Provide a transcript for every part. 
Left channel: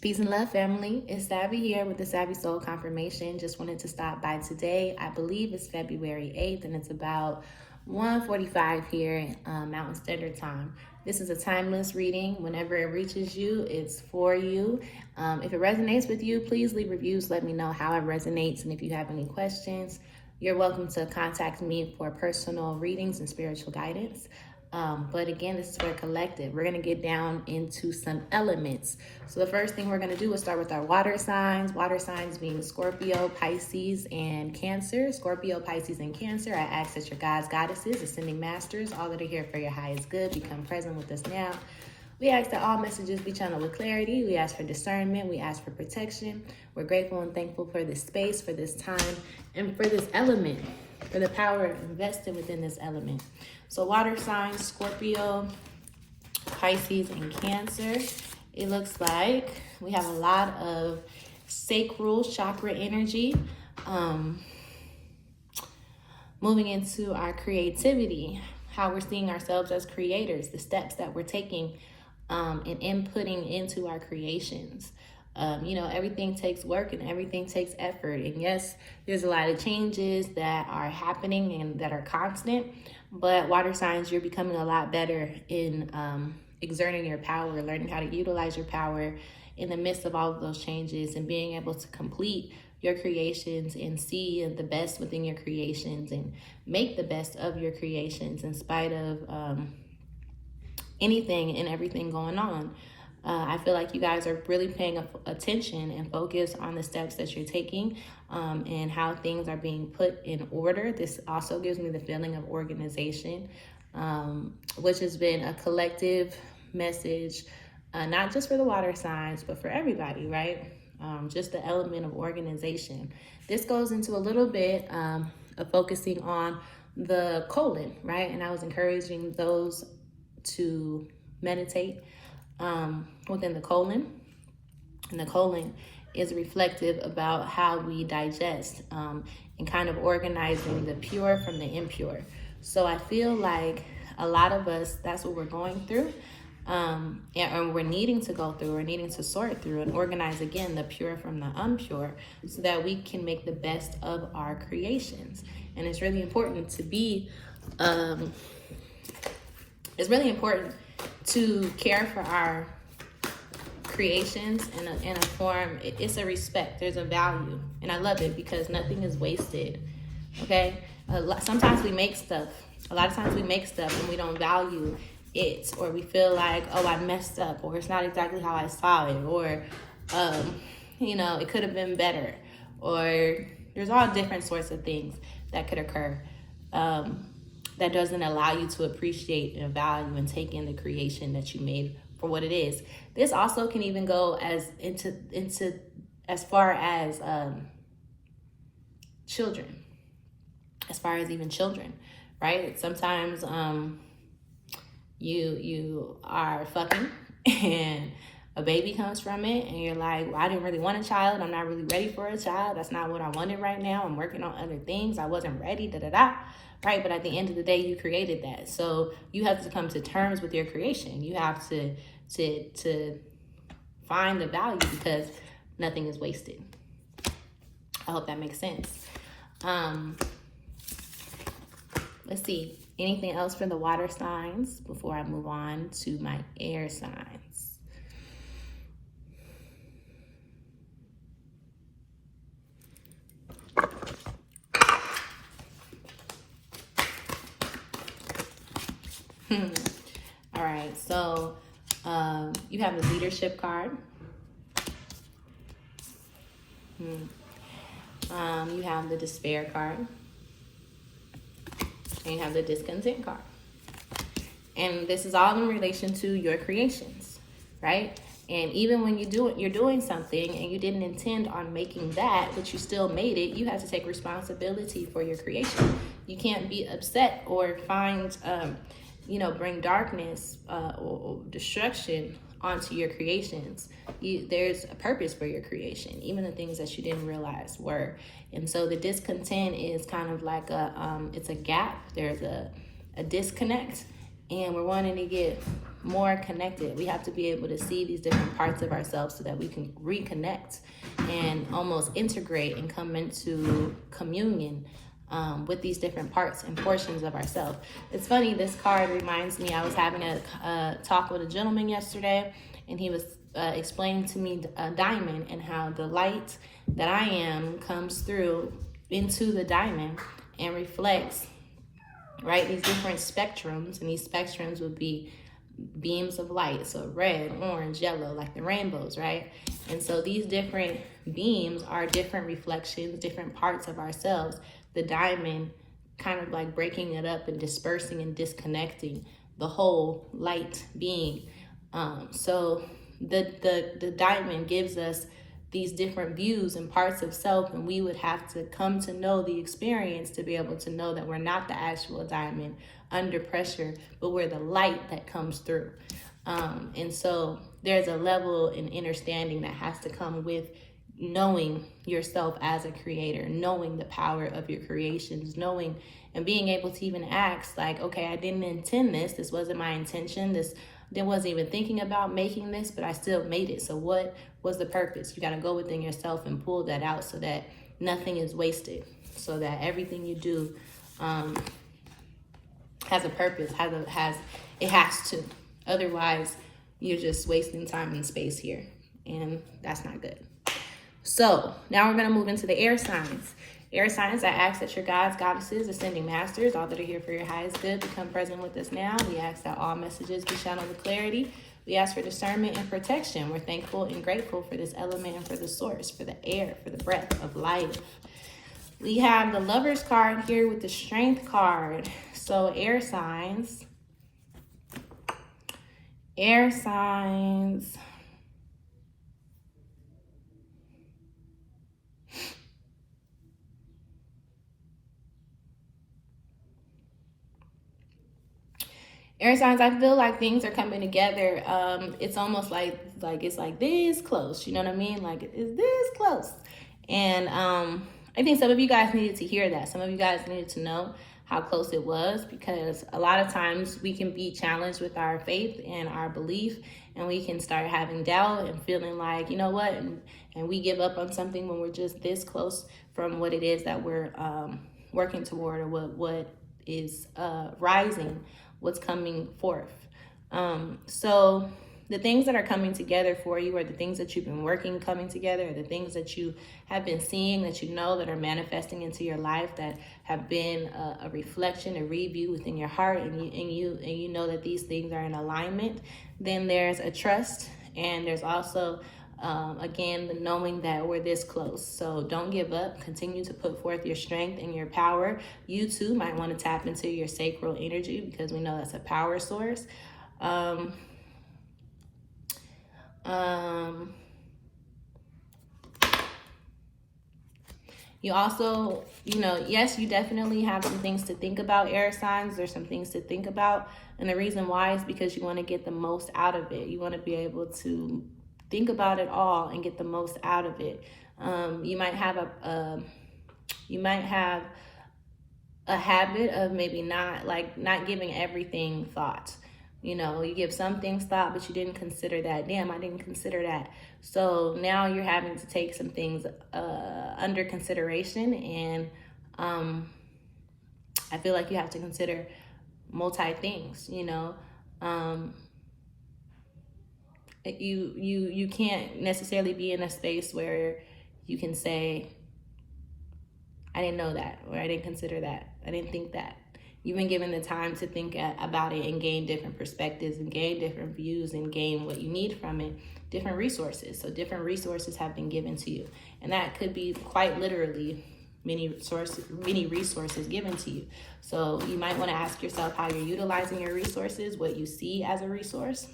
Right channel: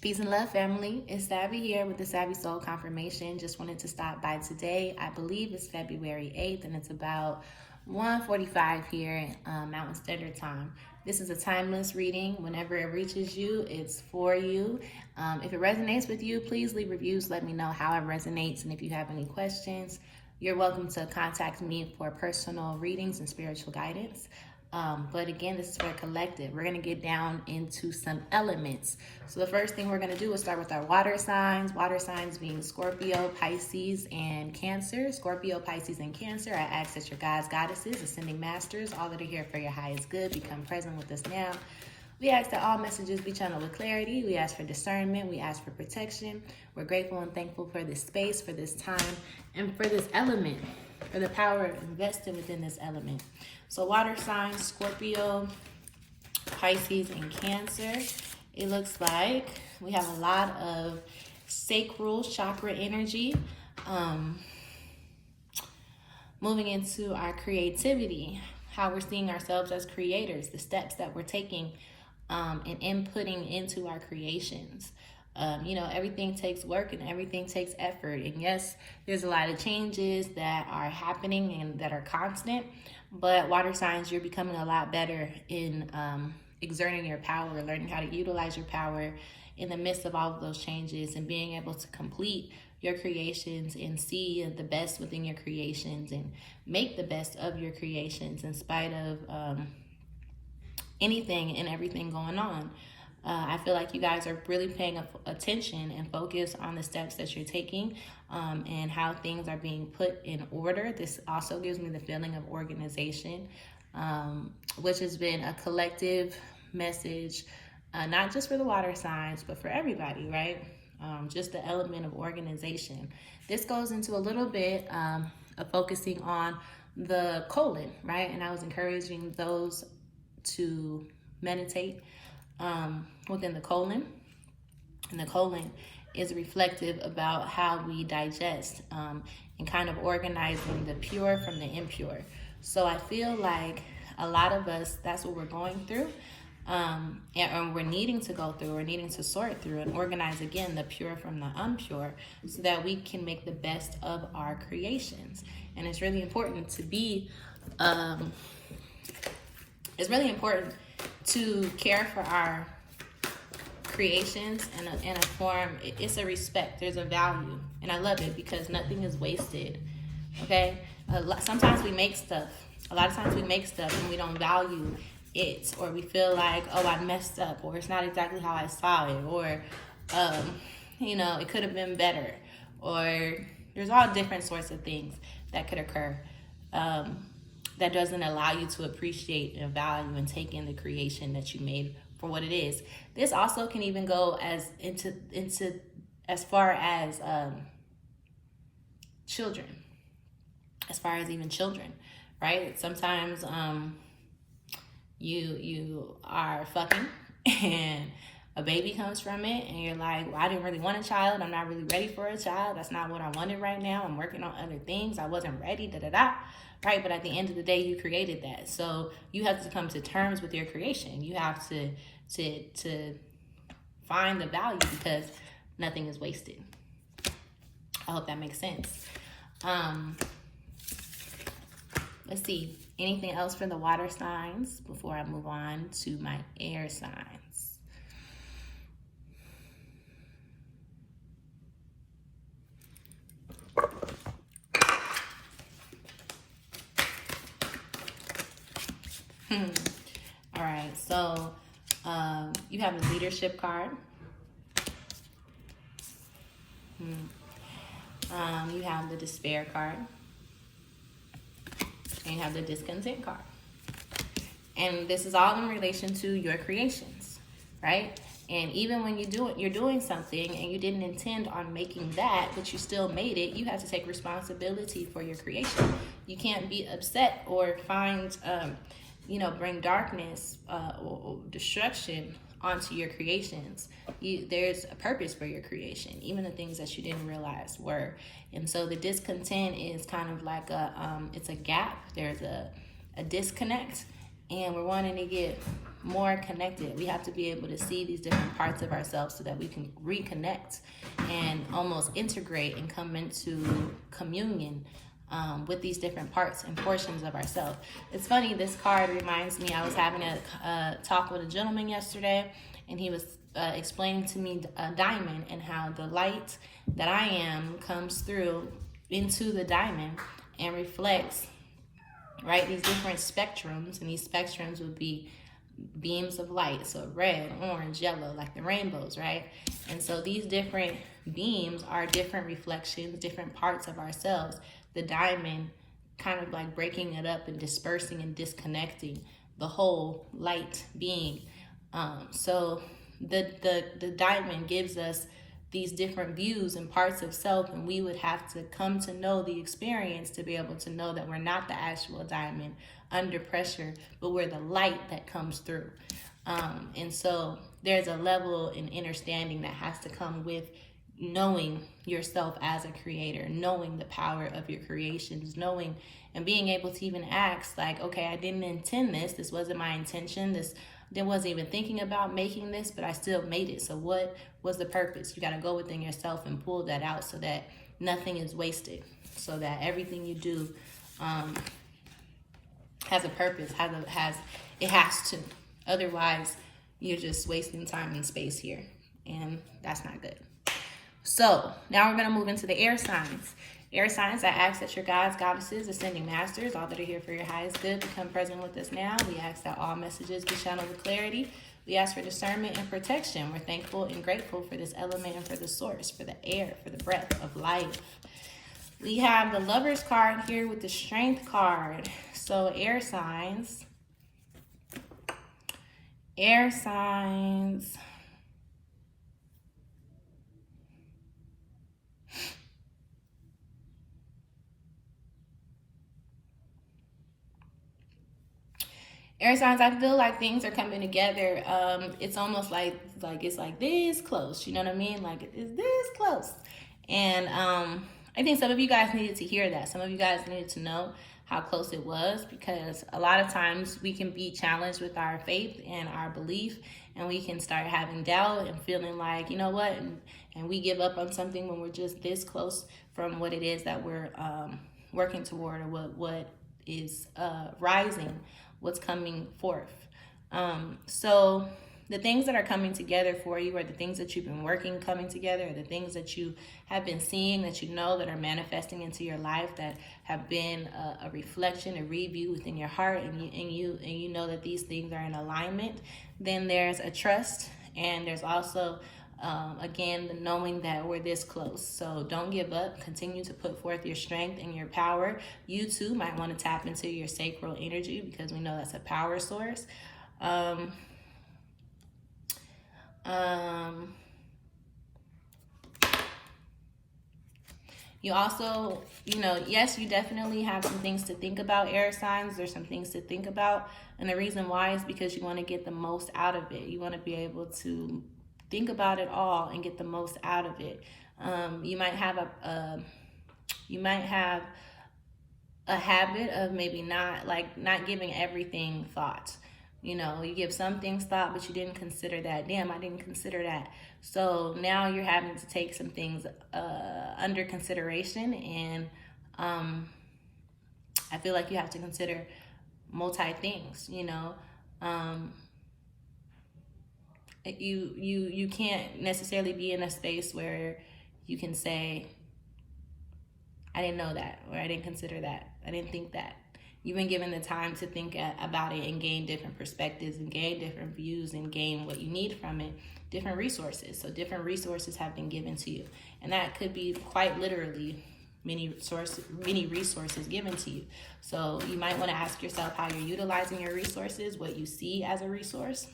Peace and love, family. It's Savvy here with the Savvy Soul Confirmation. Just wanted to stop by today. I believe it's February 8th, and it's about 1:45 here, Mountain Standard Time. This is a timeless reading. Whenever it reaches you, it's for you. If it resonates with you, please leave reviews. Let me know how it resonates, and if you have any questions, you're welcome to contact me for personal readings and spiritual guidance. But again, this is for a collective. We're going to get down into some elements. So the first thing we're going to do is start with our water signs. Water signs being Scorpio, Pisces, and Cancer. Scorpio, Pisces, and Cancer. I ask that your guides, goddesses, ascending masters, all that are here for your highest good, become present with us now. We ask that all messages be channeled with clarity. We ask for discernment. We ask for protection. We're grateful and thankful for this space, for this time, and for this element, for the power invested within this element. So water signs, Scorpio, Pisces, and Cancer. It looks like we have a lot of sacral chakra energy, moving into our creativity, how we're seeing ourselves as creators, the steps that we're taking and inputting into our creations. Everything takes work and everything takes effort. And yes, there's a lot of changes that are happening and that are constant, but water signs, you're becoming a lot better in exerting your power, learning how to utilize your power in the midst of all of those changes and being able to complete your creations and see the best within your creations and make the best of your creations in spite of anything and everything going on. I feel like you guys are really paying attention and focus on the steps that you're taking and how things are being put in order. This also gives me the feeling of organization, which has been a collective message, not just for the water signs, but for everybody, right? Just the element of organization. This goes into a little bit of focusing on the colon, right? And I was encouraging those to meditate within the colon. And the colon is reflective about how we digest and kind of organizing the pure from the impure. So I feel like a lot of us, that's what we're going through. And we're needing to go through, we're needing to sort through and organize again the pure from the impure so that we can make the best of our creations. And it's really important to be, it's really important to care for our creations in a form. It's a respect, there's a value, and I love it because nothing is wasted. Okay, sometimes we make stuff, a lot of times we make stuff and we don't value it, or we feel like, oh, I messed up, or it's not exactly how I saw it, or it could have been better, or there's all different sorts of things that could occur that doesn't allow you to appreciate and value and take in the creation that you made for what it is. This also can even go as far as children, as far as even children, right? Sometimes you are fucking and a baby comes from it and you're like, well, I didn't really want a child. I'm not really ready for a child. That's not what I wanted right now. I'm working on other things. I wasn't ready, right? But at the end of the day, you created that. So you have to come to terms with your creation. You have to find the value because nothing is wasted. I hope that makes sense. Let's see. Anything else for the water signs before I move on to my air signs? All right, so you have the leadership card. You have the despair card. And you have the discontent card. And this is all in relation to your creations, right? And even when you're doing something and you didn't intend on making that, but you still made it, you have to take responsibility for your creation. You can't be upset or find bring darkness or destruction onto your creations. There's a purpose for your creation, even the things that you didn't realize were. And so the discontent is kind of like it's a gap. There's a disconnect, and we're wanting to get more connected. We have to be able to see these different parts of ourselves so that we can reconnect and almost integrate and come into communion with these different parts and portions of ourselves. It's funny, this card reminds me, I was having a talk with a gentleman yesterday, and he was explaining to me a diamond and how the light that I am comes through into the diamond and reflects, right, these different spectrums, and these spectrums would be beams of light, so red, orange, yellow, like the rainbows, right? And so these different beams are different reflections, different parts of ourselves. The diamond kind of like breaking it up and dispersing and disconnecting the whole light being. So the diamond gives us these different views and parts of self, and we would have to come to know the experience to be able to know that we're not the actual diamond under pressure, but we're the light that comes through. And so there's a level in understanding that has to come with knowing yourself as a creator, knowing the power of your creations, knowing and being able to even ask, like, okay, I didn't intend this. This wasn't my intention. There wasn't even thinking about making this, but I still made it. So what was the purpose? You got to go within yourself and pull that out so that nothing is wasted, so that everything you do has a purpose, it has to. Otherwise, you're just wasting time and space here, and that's not good. So now we're going to move into the air signs. Air signs, I ask that your gods, goddesses, ascending masters, all that are here for your highest good, become present with us now. We ask that all messages be channeled with clarity. We ask for discernment and protection. We're thankful and grateful for this element and for the source, for the air, for the breath of life. We have the Lovers card here with the Strength card. So air signs. Air signs. Air signs, I feel like things are coming together. It's almost like it's like this close. You know what I mean? Like it's this close. And I think some of you guys needed to hear that. Some of you guys needed to know how close it was, because a lot of times we can be challenged with our faith and our belief, and we can start having doubt and feeling like, you know what, and we give up on something when we're just this close from what it is that we're working toward, or what is rising, what's coming forth. So the things that are coming together for you, or the things that you've been working coming together, or the things that you have been seeing, that you know that are manifesting into your life, that have been a reflection, a review within your heart, and you know that these things are in alignment. Then there's a trust, and there's also again, the knowing that we're this close. So don't give up. Continue to put forth your strength and your power. You too might want to tap into your sacral energy, because we know that's a power source. You also, yes, you definitely have some things to think about, air signs. There's some things to think about. And the reason why is because you want to get the most out of it. You want to be able to think about it all and get the most out of it. You might have a habit of maybe not giving everything thought. You give some things thought, but you didn't consider that. Damn, I didn't consider that. So now you're having to take some things under consideration, and I feel like you have to consider multi things. You can't necessarily be in a space where you can say, I didn't know that, or I didn't consider that, I didn't think that. You've been given the time to think about it and gain different perspectives and gain different views and gain what you need from it, different resources. So different resources have been given to you. And that could be quite literally many resources given to you. So you might want to ask yourself how you're utilizing your resources, what you see as a resource.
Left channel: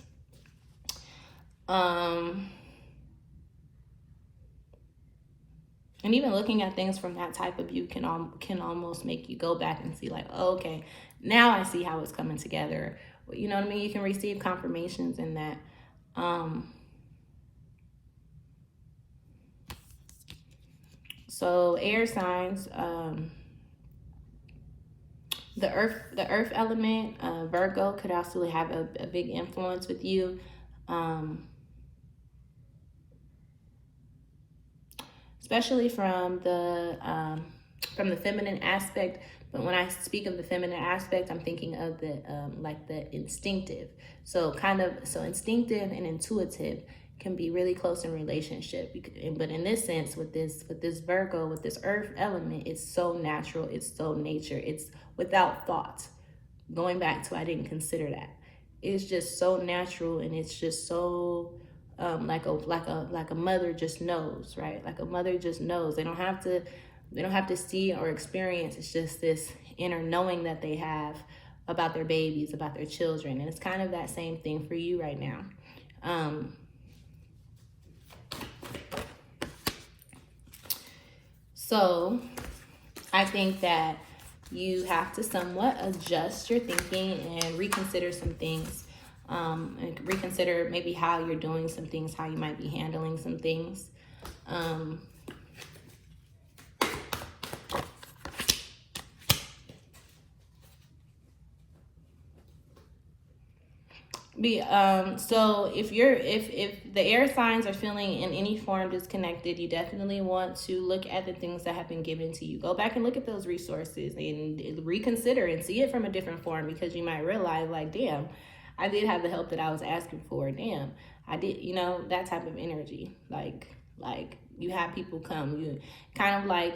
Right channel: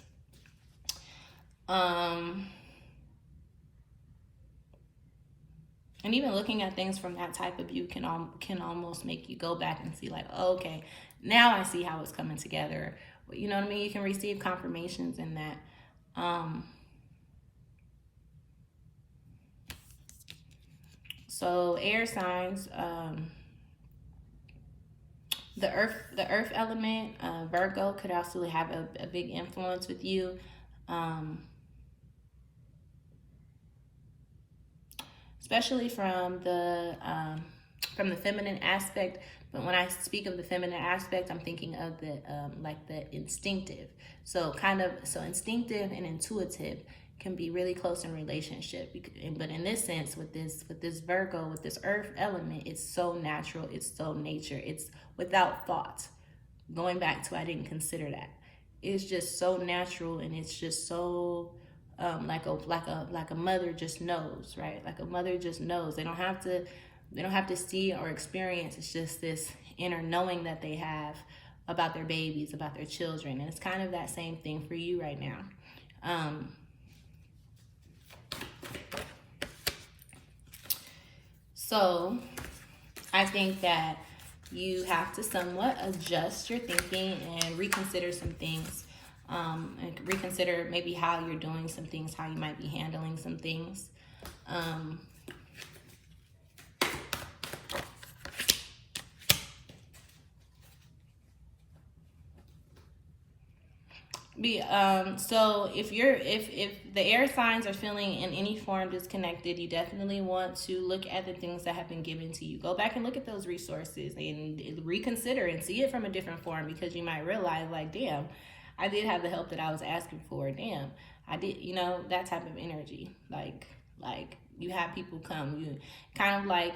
And even looking at things from that type of view can almost make you go back and see, like, oh, okay, now I see how it's coming together. You know what I mean? You can receive confirmations in that. So air signs, The earth element, Virgo, could also have a big influence with you. Especially from the feminine aspect. But when I speak of the feminine aspect, I'm thinking of the like the instinctive. So instinctive and intuitive can be really close in relationship. But in this sense, with this Virgo, with this earth element, it's so natural, it's so nature, it's without thought. Going back to, I didn't consider that. It's just so natural, and it's just so like a mother just knows, right? Like a mother just knows. They don't have to see or experience. It's just this inner knowing that they have about their babies, about their children. And it's kind of that same thing for you right now. So I think that you have to somewhat adjust your thinking and reconsider some things. And reconsider maybe how you're doing some things, how you might be handling some things. So if the air signs are feeling in any form disconnected, you definitely want to look at the things that have been given to you. Go back and look at those resources and reconsider and see it from a different form, because you might realize, like, damn, I did have the help that I was asking for. Damn, I did, that type of energy. Like you have people come, you kind of like,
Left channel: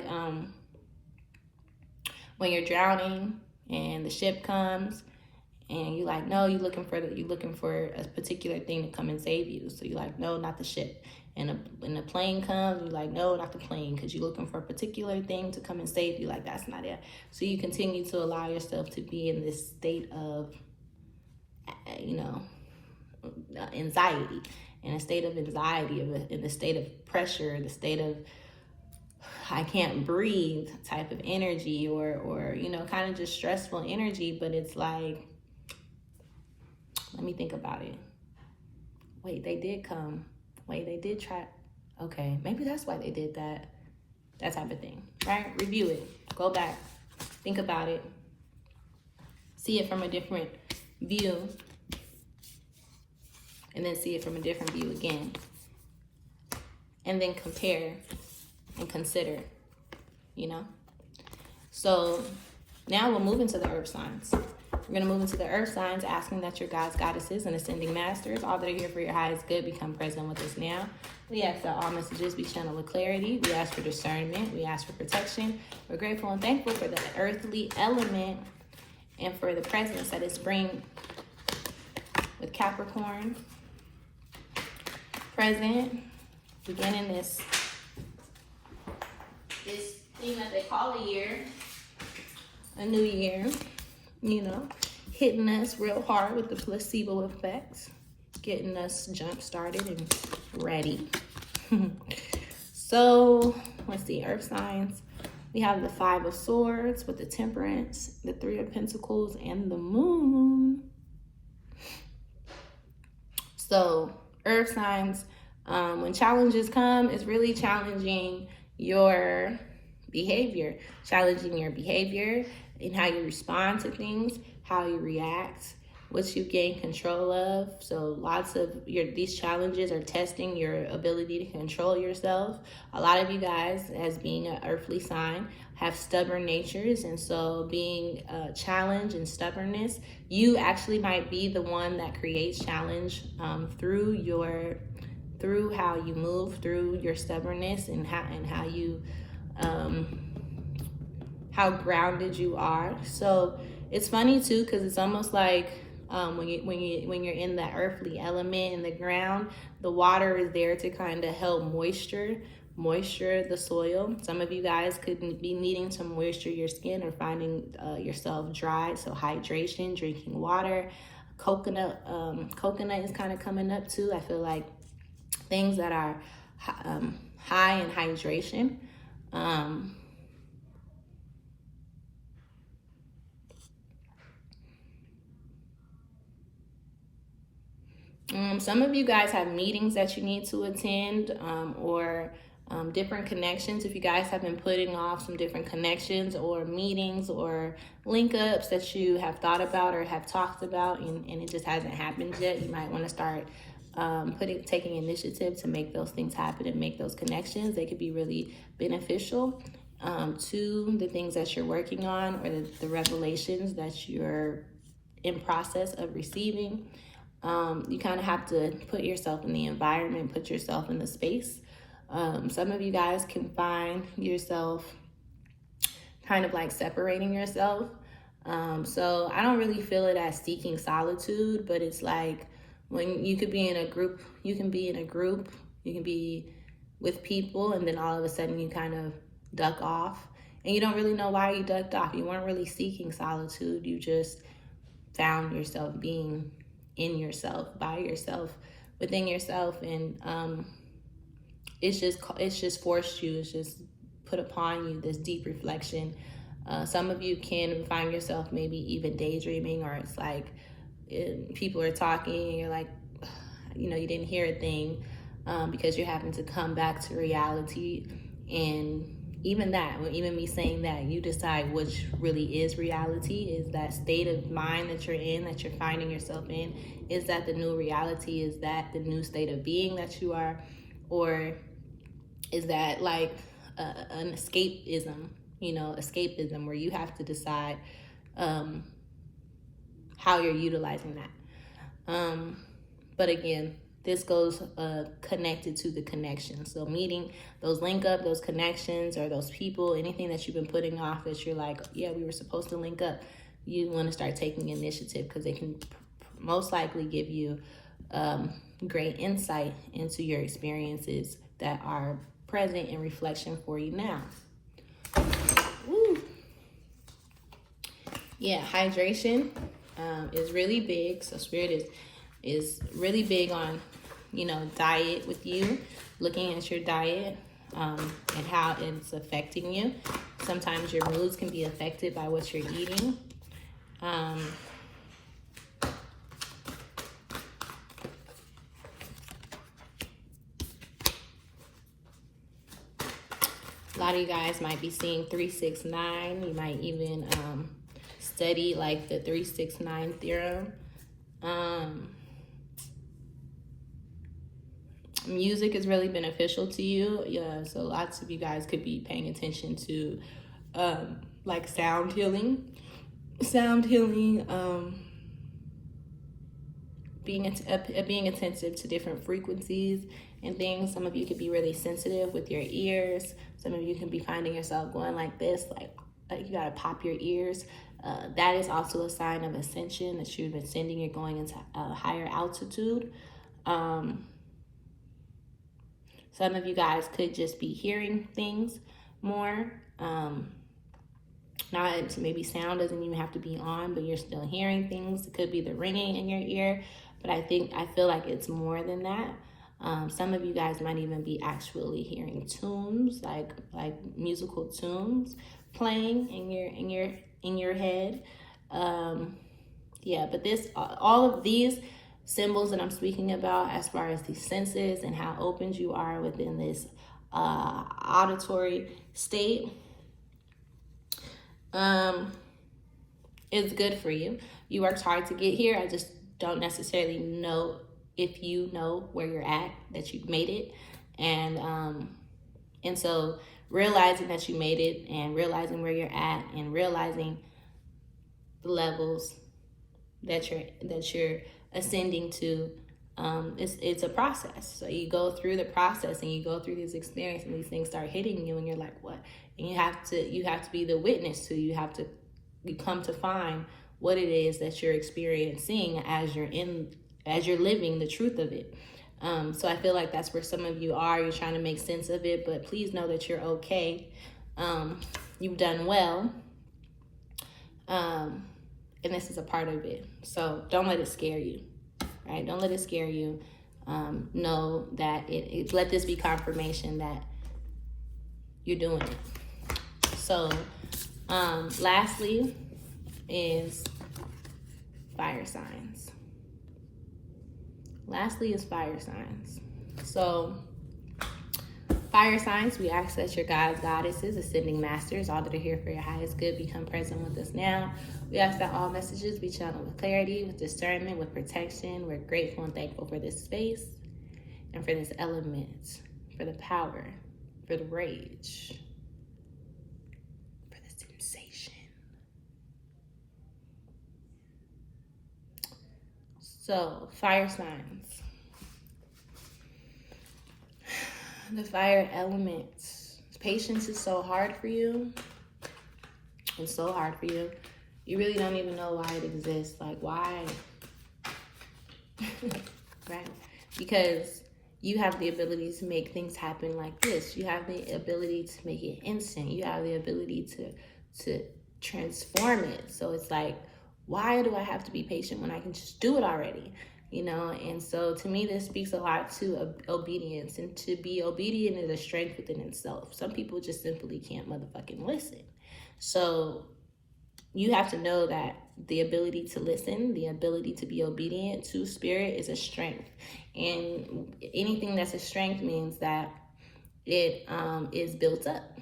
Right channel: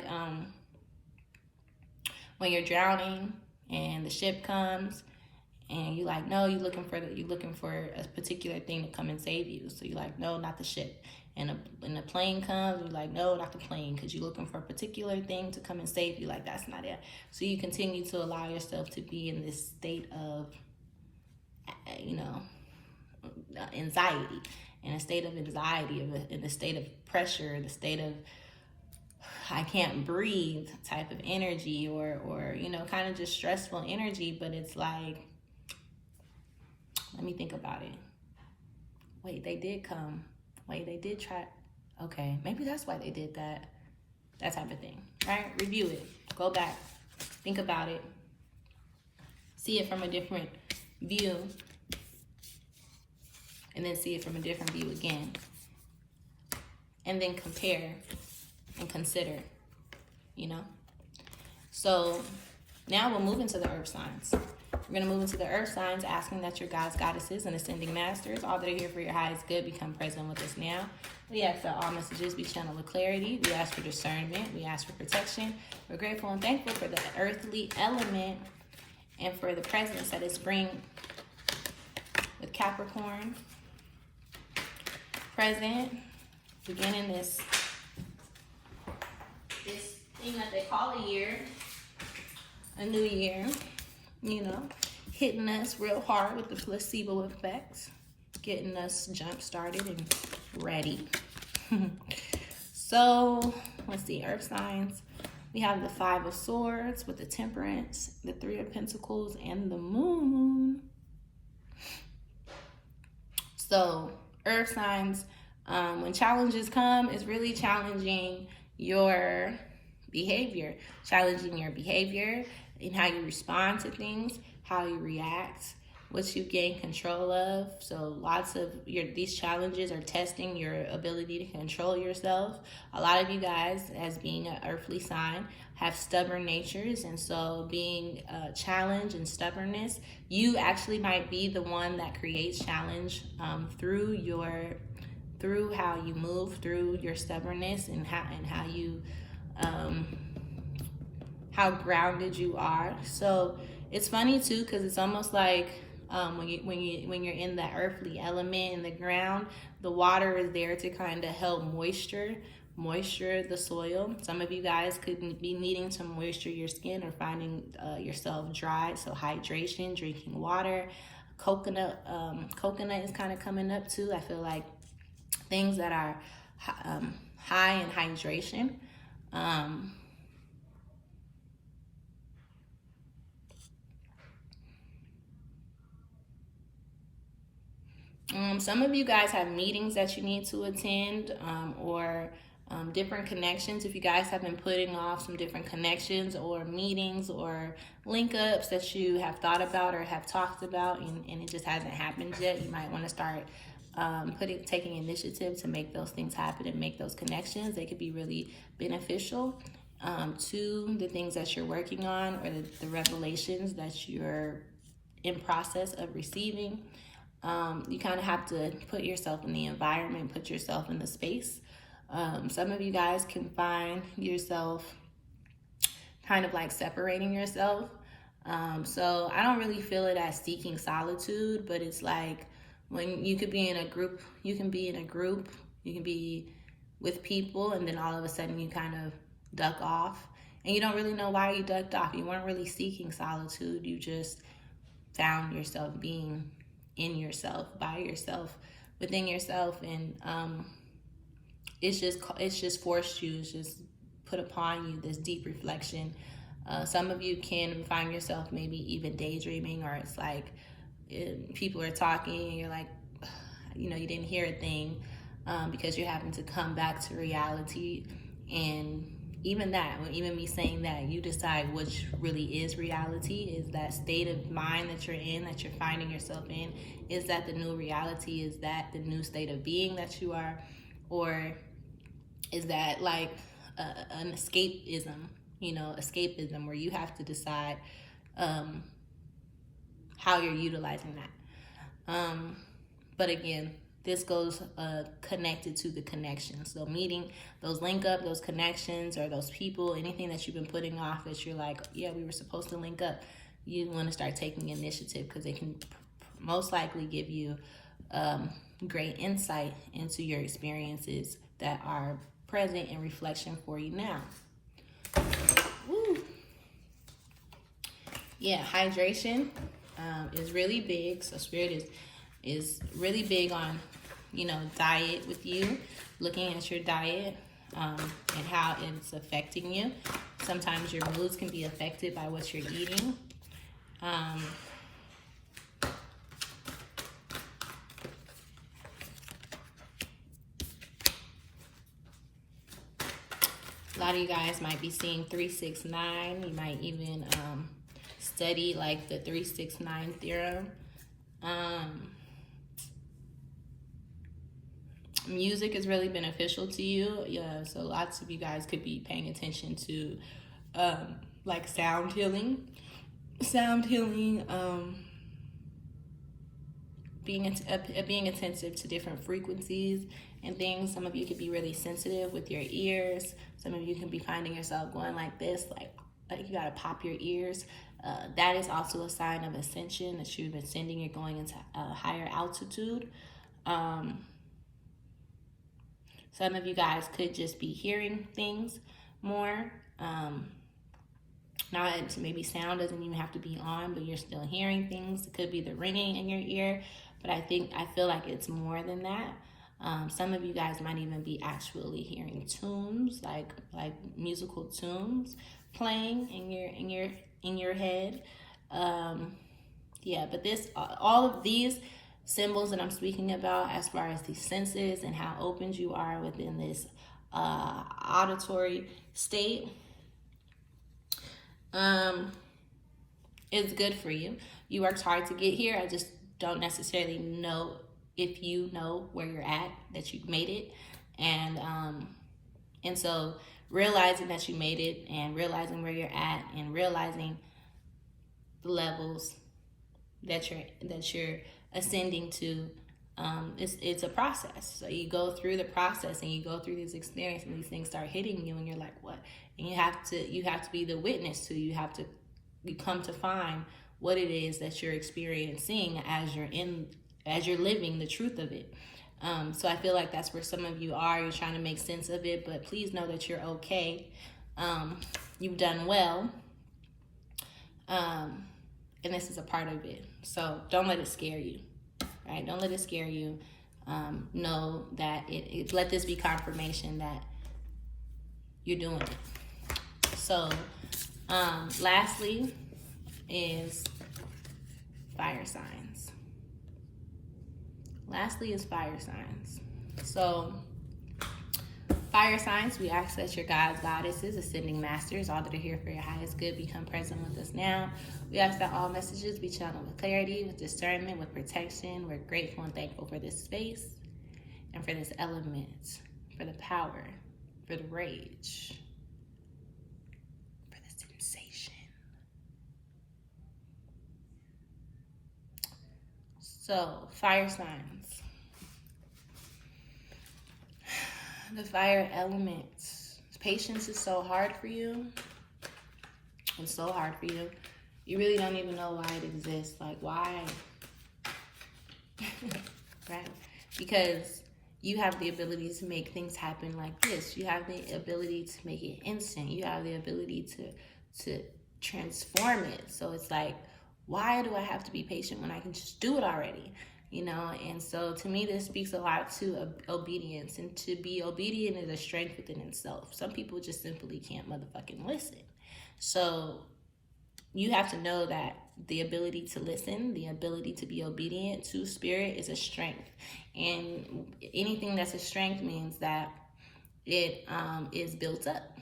when you're drowning and the ship comes, and you're like, no, you're looking for a particular thing to come and save you. So you're like, no, not the ship. And the plane comes, you're like, no, not the plane, because you're looking for a particular thing to come and save you. Like, that's not it. So you continue to allow yourself to be in this state of, anxiety, in a state of anxiety, in a state of pressure, the state of I can't breathe type of energy, or kind of just stressful energy. But it's like, let me think about it. Wait, they did come. Wait, they did try. Okay, maybe that's why they did that. That type of thing, right? Review it. Go back. Think about it. See it from a different view. And then see it from a different view again. And then compare and consider, So now we'll move into the earth signs. We're going to move into the earth signs, asking that your gods, goddesses, and ascending masters, all that are here for your highest good, become present with us now. We ask that all messages be channeled with clarity. We ask for discernment. We ask for protection. We're grateful and thankful for the earthly element and for the presence that it's bringing with Capricorn. Present, beginning this thing that they call a year, a new year, hitting us real hard with the placebo effects, getting us jump started and ready. So let's see, earth signs. We have the 5 of Swords with the Temperance, the 3 of Pentacles, and the Moon. So earth signs, when challenges come, it's really challenging your behavior, and how you respond to things, how you react, what you gain control of. So lots of these challenges are testing your ability to control yourself. A lot of you guys, as being an earthly sign, have stubborn natures, and so being challenge and stubbornness, you actually might be the one that creates challenge through how you move, through your stubbornness, and how you how grounded you are. So it's funny too, because it's almost like when you're in that earthly element in the ground, the water is there to kind of help moisture the soil. Some of you guys could be needing to moisture your skin or finding yourself dry. So hydration, drinking water, coconut is kind of coming up too. I feel like things that are high in hydration. Some of you guys have meetings that you need to attend, or different connections. If you guys have been putting off some different connections or meetings or link ups that you have thought about or have talked about, and it just hasn't happened yet, you might want to start taking initiative to make those things happen and make those connections. They could be really beneficial to the things that you're working on, or the revelations that you're in process of receiving. You kind of have to put yourself in the environment, put yourself in the space. Some of you guys can find yourself kind of like separating yourself. So I don't really feel it as seeking solitude, but it's like when you could be in a group, you can be with people, and then all of a sudden you kind of duck off, and you don't really know why you ducked off. You weren't really seeking solitude. You just found yourself being in yourself, by yourself, within yourself, and it's just forced you. It's just put upon you this deep reflection. Some of you can find yourself maybe even daydreaming, or it's like people are talking and you're like, you didn't hear a thing, because you're having to come back to reality. And even me saying that, you decide which really is reality. Is that state of mind that you're in, that you're finding yourself in, is that the new reality? Is that the new state of being that you are? Or is that like an escapism, where you have to decide how you're utilizing that. But again, this goes connected to the connection. So meeting those those connections, or those people, anything that you've been putting off that you're like, yeah, we were supposed to link up, you want to start taking initiative, because they can most likely give you great insight into your experiences that are present in reflection for you now. Woo. Yeah, hydration is really big. So Spirit is really big on, diet with you, looking at your diet and how it's affecting you. Sometimes your moods can be affected by what you're eating. A lot of you guys might be seeing 369. You might even study like the 369 theorem. Music is really beneficial to you. Yeah, so lots of you guys could be paying attention to like sound healing, being attentive to different frequencies and things. Some of you could be really sensitive with your ears. Some of you can be finding yourself going like this, like you gotta pop your ears. That is also a sign of ascension, that you've ascending. You're going into a higher altitude. Some of you guys could just be hearing things more. Not maybe sound doesn't even have to be on, but you're still hearing things. It could be the ringing in your ear, but I feel like it's more than that. Some of you guys might even be actually hearing tunes, like musical tunes playing in your head. Yeah, but all of these symbols that I'm speaking about, as far as these senses and how open you are within this auditory state, is good for you. You worked hard to get here. I just don't necessarily know if you know where you're at, that you've made it. And so realizing that you made it, and realizing where you're at, and realizing the levels that you're ascending to, it's a process. So you go through the process, and you go through this experience, and these things start hitting you, and you're like, what? And you have to be the witness to. You come to find what it is that you're experiencing as you're living the truth of it. So I feel like that's where some of you are. You're trying to make sense of it, but please know that you're okay. You've done well. And this is a part of it. So don't let it scare you, right? Don't let it scare you. Know that let this be confirmation that you're doing it. So, lastly is fire signs. So Fire signs, we ask that your guides, goddesses, ascending masters, all that are here for your highest good, become present with us now. We ask that all messages be channeled with clarity, with discernment, with protection. We're grateful and thankful for this space and for this element, for the power, for the rage, for the sensation. So, fire signs. The fire element. Patience is so hard for you. It's so hard for you. You really don't even know why it exists. Like, why? Right? Because you have the ability to make things happen like this. You have the ability to make it instant. You have the ability to transform it. So it's like, why do I have to be patient when I can just do it already? You know, and so to me, this speaks a lot to obedience, and to be obedient is a strength within itself. Some people just simply can't motherfucking listen. So you have to know that the ability to listen, the ability to be obedient to spirit is a strength. And anything that's a strength means that it is built up.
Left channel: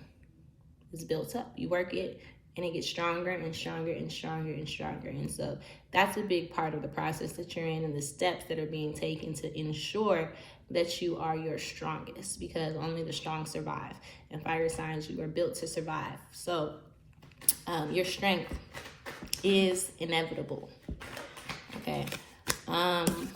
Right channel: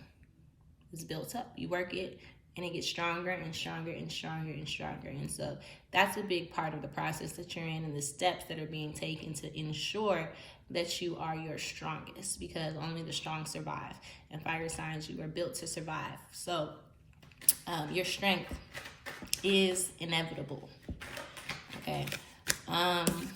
It's built up. You work it, and it gets stronger and stronger and stronger and stronger. And so that's a big part of the process that you're in, and the steps that are being taken to ensure that you are your strongest, because only the strong survive. And fire signs, you are built to survive. So your strength is inevitable. Okay. And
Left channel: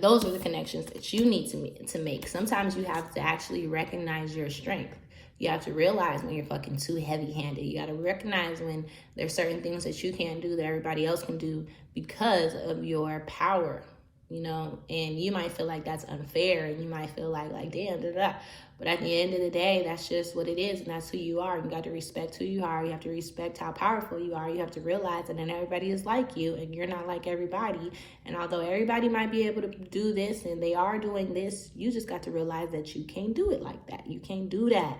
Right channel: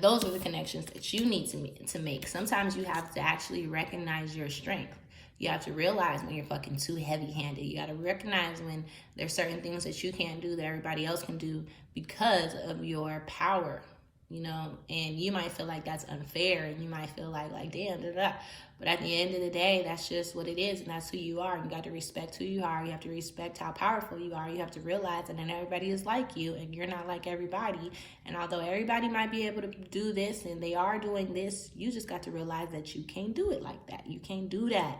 those are the connections that you need to make. Sometimes you have to actually recognize your strength. You have to realize when you're fucking too heavy-handed. You got to recognize when there's certain things that you can't do that everybody else can do because of your power, you know? And you might feel like that's unfair, and you might feel like damn, da-da. But at the end of the day, that's just what it is, and that's who you are. You got to respect who you are. You have to respect how powerful you are. You have to realize that not everybody is like you, and you're not like everybody. And although everybody might be able to do this, and they are doing this, you just got to realize that you can't do it like that. You can't do that.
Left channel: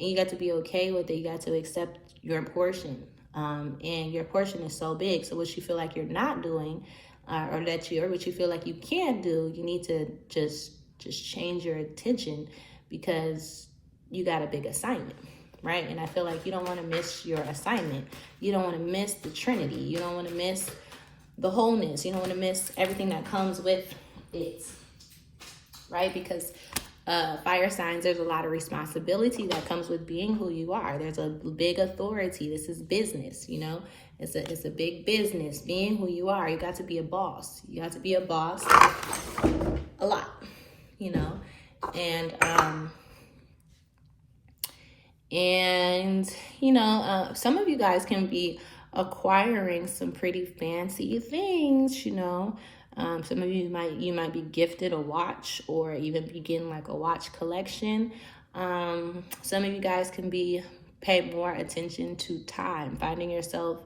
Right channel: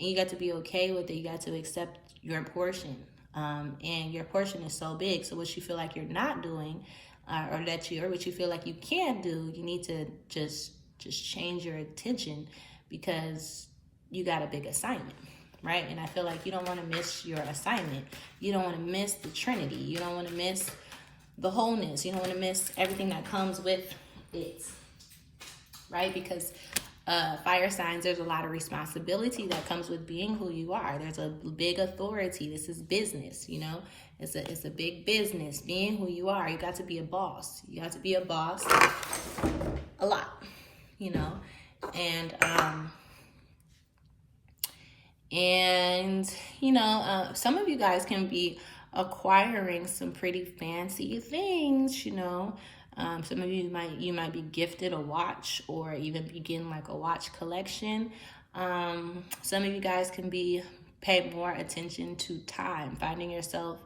And you got to be okay with it. You got to accept your portion. And your portion is so big. So what you feel like you're not doing, or what you feel like you can't do, you need to just change your attention, because you got a big assignment, right? And I feel like you don't want to miss your assignment. You don't want to miss the Trinity. You don't want to miss the wholeness. You don't want to miss everything that comes with it, right? Because fire signs, there's a lot of responsibility that comes with being who you are. There's a big authority. This is business, you know? It's a big business, being who you are. You got to be a boss. You got to be a boss a lot, you know? And you know, some of you guys can be acquiring some pretty fancy things, you know. Some of you might be gifted a watch, or even begin like a watch collection. Some of you guys can be pay more attention to time, finding yourself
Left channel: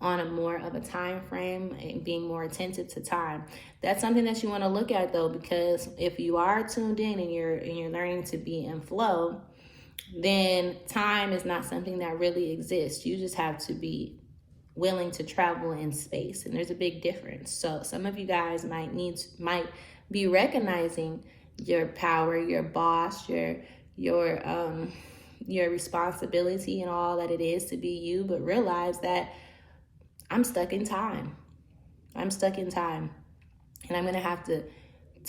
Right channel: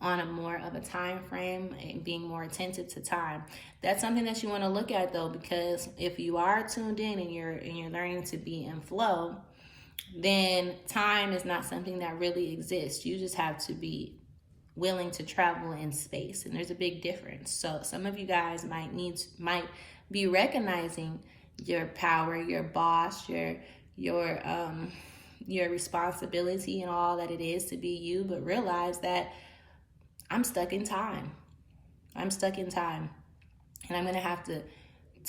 on a more of a time frame and being more attentive to time. That's something that you want to look at though, because if you are tuned in and you're learning to be in flow, then time is not something that really exists. You just have to be willing to travel in space, and there's a big difference. So some of you guys might be recognizing your power, your boss, your responsibility, and all that it is to be you, but realize that I'm stuck in time. I'm stuck in time, and I'm gonna have to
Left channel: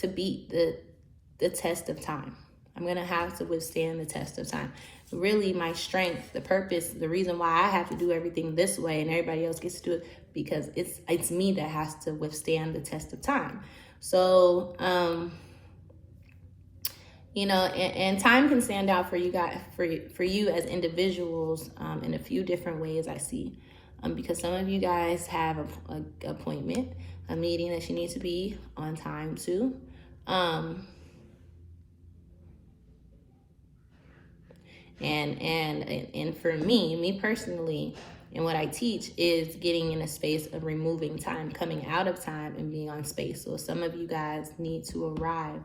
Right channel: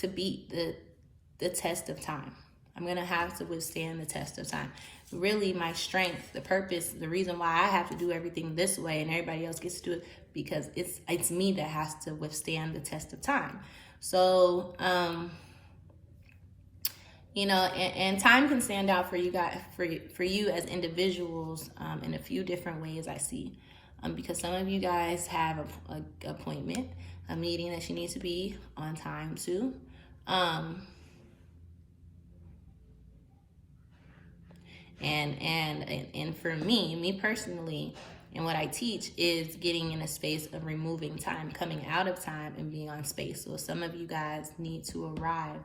beat the test of time. I'm gonna have to withstand the test of time. Really, my strength, the purpose, the reason why I have to do everything this way and everybody else gets to do it, because it's me that has to withstand the test of time. So, you know, and time can stand out for you guys, for you as individuals, in a few different ways I see. Because some of you guys have an appointment, a meeting that you need to be on time to. And for me personally, and what I teach is getting in a space of removing time, coming out of time and being on space. So some of you guys need to arrive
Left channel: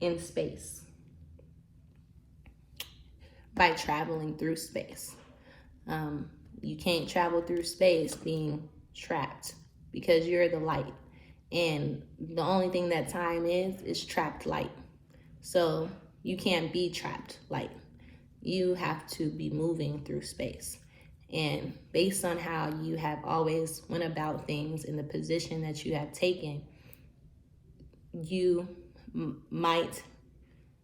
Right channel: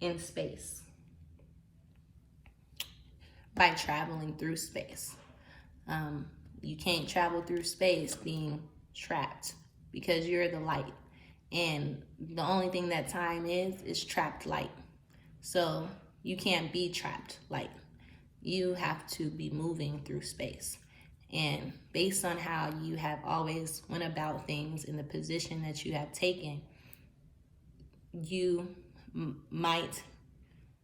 in space by traveling through space. You can't travel through space being trapped, because you're the light. And the only thing that time is trapped light. So you can't be trapped. Like, you have to be moving through space. And based on how you have always went about things in the position that you have taken, you might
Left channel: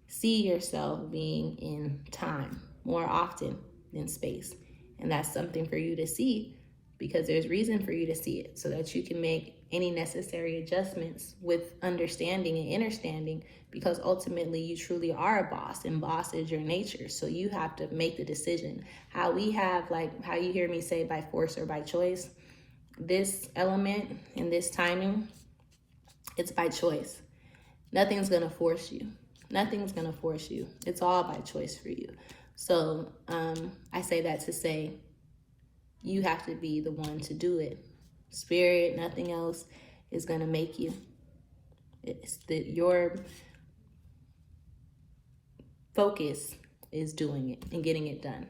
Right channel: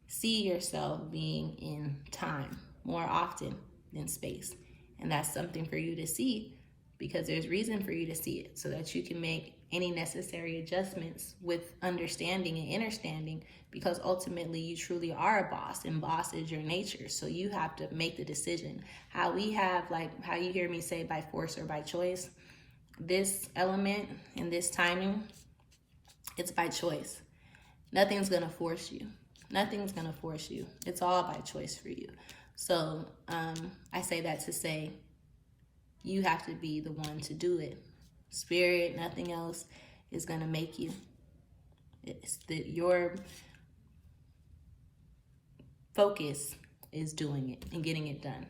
see yourself being in time more often than space. And that's something for you to see, because there's reason for you to see it, so that you can make any necessary adjustments with understanding and understanding, because ultimately you truly are a boss, and boss is your nature. So you have to make the decision. How we have, like how you hear me say by force or by choice, this element and this timing, it's by choice. Nothing's gonna force you. Nothing's gonna force you. It's all by choice for you. So I say that to say, you have to be the one to do it. Spirit, nothing else is gonna make you. It's that your focus is doing it and getting it done.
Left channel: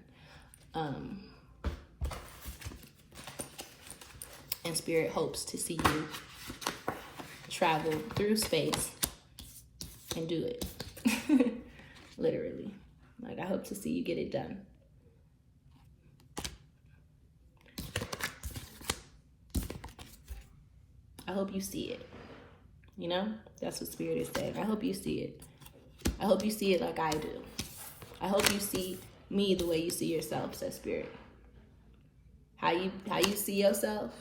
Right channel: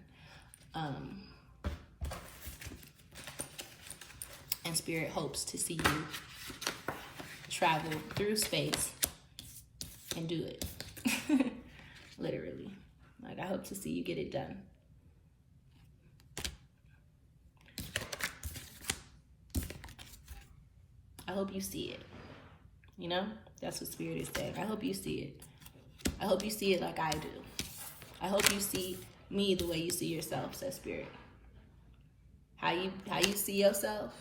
And Spirit hopes to see you travel through space and do it. Literally. Like, I hope to see you get it done. I hope you see it. You know, that's what Spirit is saying. I hope you see it. I hope you see it like I do. I hope you see me the way you see yourself, says Spirit. How you see yourself?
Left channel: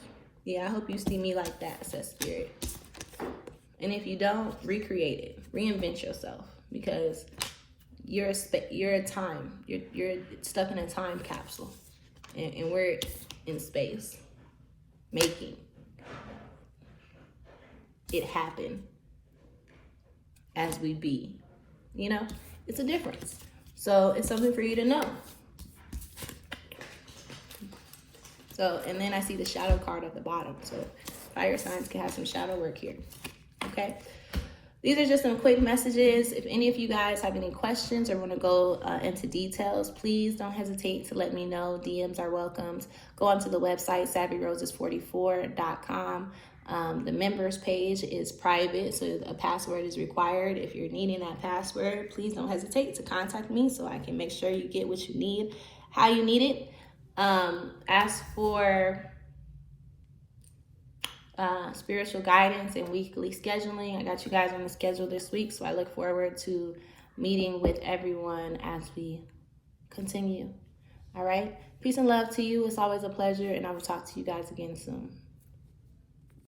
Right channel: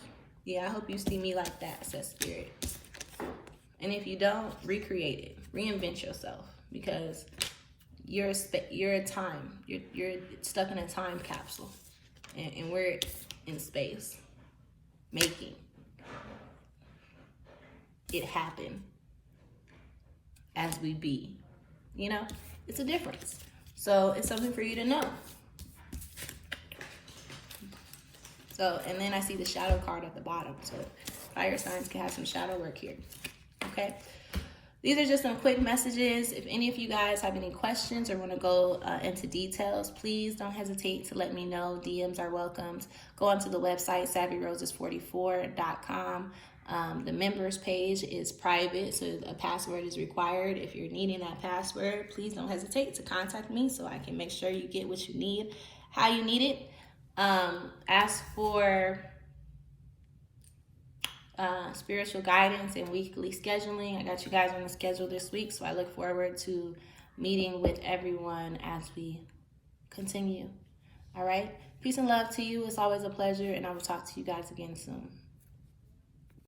Yeah, I hope you see me like that, says Spirit. And if you don't, recreate it. Reinvent yourself, because you're a time. You're stuck in a time capsule. And we're in space, making it happen as we be. You know, it's a difference. So it's something for you to know. So, and then I see the shadow card at the bottom. So fire signs can have some shadow work here. Okay. These are just some quick messages. If any of you guys have any questions or want to go into details, please don't hesitate to let me know. DMs are welcomed. Go onto the website, SavvyRoses44.com. The members page is private, so a password is required. If you're needing that password, please don't hesitate to contact me so I can make sure you get what you need, how you need it. As for spiritual guidance and weekly scheduling, I got you guys on the schedule this week, so I look forward to meeting with everyone as we continue. All right, peace and love to you. It's always a pleasure, and I will talk to you guys again soon.